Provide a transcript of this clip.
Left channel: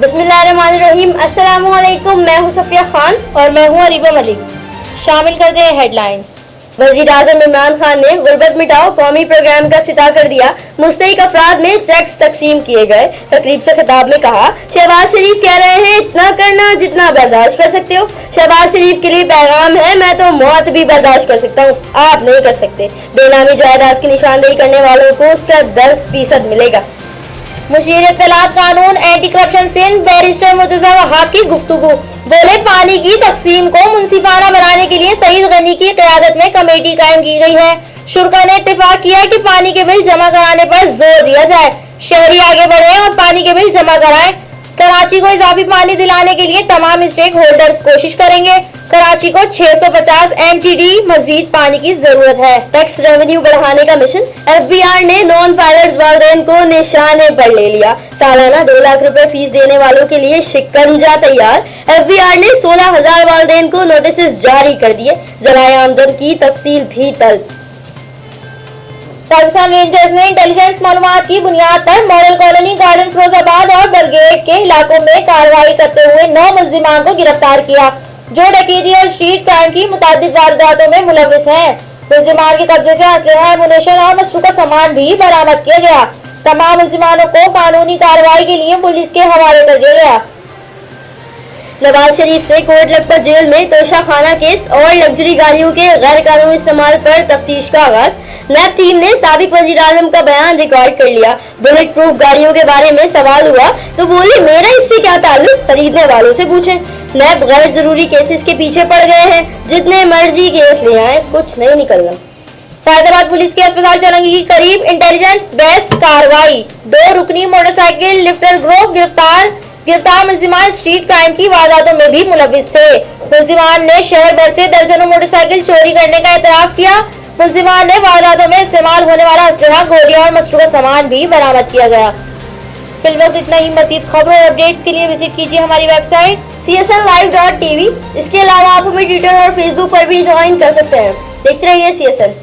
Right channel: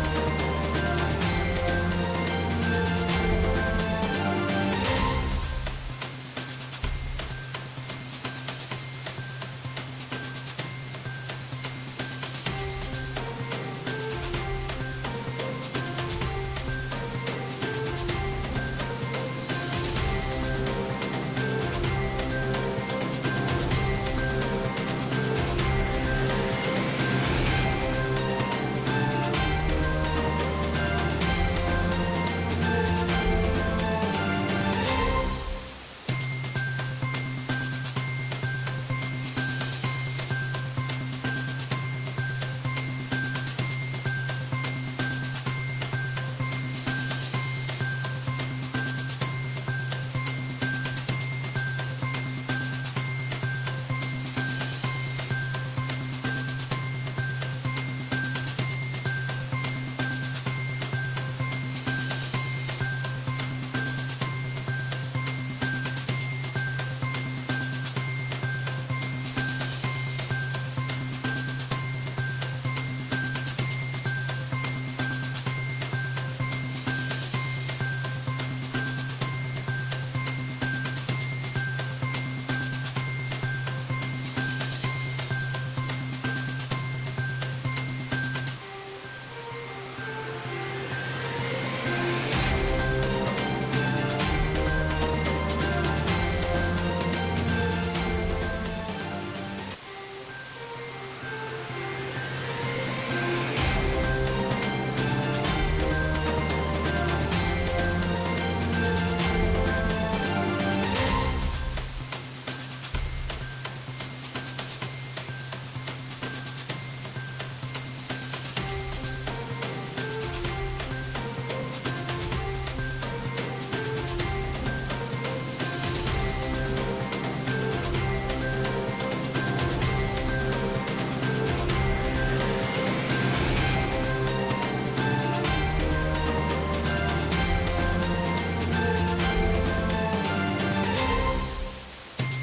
बिस्मिल्लाहिर्रहमानिर्रहीम। अस्सलाम वालेकुम। मैं हूं सफिया खान और मैं हूं अरीबा मलिक। शामिल करते हैं हेडलाइंस। वजीर आजम इमरान खान ने गुर्बत मिटाओ कौमी प्रोग्राम का इफ्तिताह कर दिया। मुस्तहिक अफराद में चेक्स तकसीम किए गए। तकरीब से खिताब में कहा, शहबाज शरीफ कह रहे हैं इतना करना जितना बर्दाश्त कर सकते हो। शहबाज शरीफ के लिए पैगाम है, मैं तो मौत भी बर्दाश्त कर सकता हूँ, आप नहीं कर सकते। बेनामी जायदाद की निशानदेही करने वालों को उसका 10% मिलेगा। मुशीर इत्तलात कानून anti corruption Sindh barrister Murtaza Wahab की गुफ्तगू। बोले, पानी की तकसीम को मुंसिफाना बनाने के लिए सईद गनी की क़यादत में कमेटी कायम की गई है। शुरा ने इत्तेफाक किया कि पानी के बिल जमा कराने पर जोर दिया जाए। शहरी आगे बढ़े और पानी के बिल जमा कराएं। कराची को इजाफी पानी दिलाने के लिए तमाम स्टेक होल्डर्स कोशिश करेंगे। कराची को 650 MTD मजीद पानी की जरूरत है। टैक्स रेवेन्यू बढ़ाने का मिशन। FBR ने नॉन पायलट्स वालिदैन को निशाने पर ले लिया। सालाना 2 लाख रुपए फीस देने वालों के लिए शिकंजा तैयार। FBR ने 16,000 वालिदैन को नोटिस जारी कर दिए। ज़राए आमदन की तफसील भी तलब। पाकिस्तान रेंजर्स ने इंटेलिजेंस मालूमात की बुनियाद पर मॉडल कॉलोनी, गार्डन फिरोजाबाद और बरगेड के इलाकों में कार्रवाई करते हुए 9 मुल्जिमान को गिरफ्तार किया, जो डकैती और स्ट्रीट क्राइम की मुतादिद वारदातों में मुलविस हैं। मुल्जिमान के कब्जे से असलहा, एमुनेशन और मशरूका सामान भी बरामद किया गया। तमाम मुल्जिमानों को कानूनी कार्रवाई के लिए पुलिस के हवाले कर दिया गया। नवाज शरीफ से कोर्ट लखपत जेल में तोशा खाना केस और लग्जरी गाड़ियों के गैर कानूनी इस्तेमाल पर तफ्तीश का आगाज। नैब टीम ने साबिक वजीर आजम का बयान रिकॉर्ड कर लिया। बुलेट प्रूफ गाड़ियों के बारे में सवाल हुआ तो बोली, मेरा इससे क्या ताल्लुक, खरीदने वालों से पूछें। नैब गैर जरूरी केसेस के पीछे पड़ गए हैं, जितने मर्जी केस ले आए कुछ नहीं निकलना। फैजाबाद पुलिस के अस्पताल चौरंगी के करीब इंटेलिजेंस बेस्ड कार्रवाई। 2 रुकनी मोटरसाइकिल लिफ्टर ग्रुप गिरफ्तार मुल्जिमान स्ट्रीट क्राइम की वारदातों में भी मुलविस थे। मुल्जिमान ने शहर भर से दर्जनों मोटरसाइकिल चोरी करने का एतराफ किया। मुल्जिमान ने वारदातों में इस्तेमाल होने वाला असलहा, गोलियां और मशरूका सामान भी बरामद किया गया। फिलहाल इतना ही। मजीद खबरों और अपडेट्स के लिए विजिट कीजिए हमारी वेबसाइट csnlive.tv। इसके अलावा आप हमें ट्विटर और फेसबुक पर भी ज्वाइन कर सकते हैं। देखते रहिए CSN।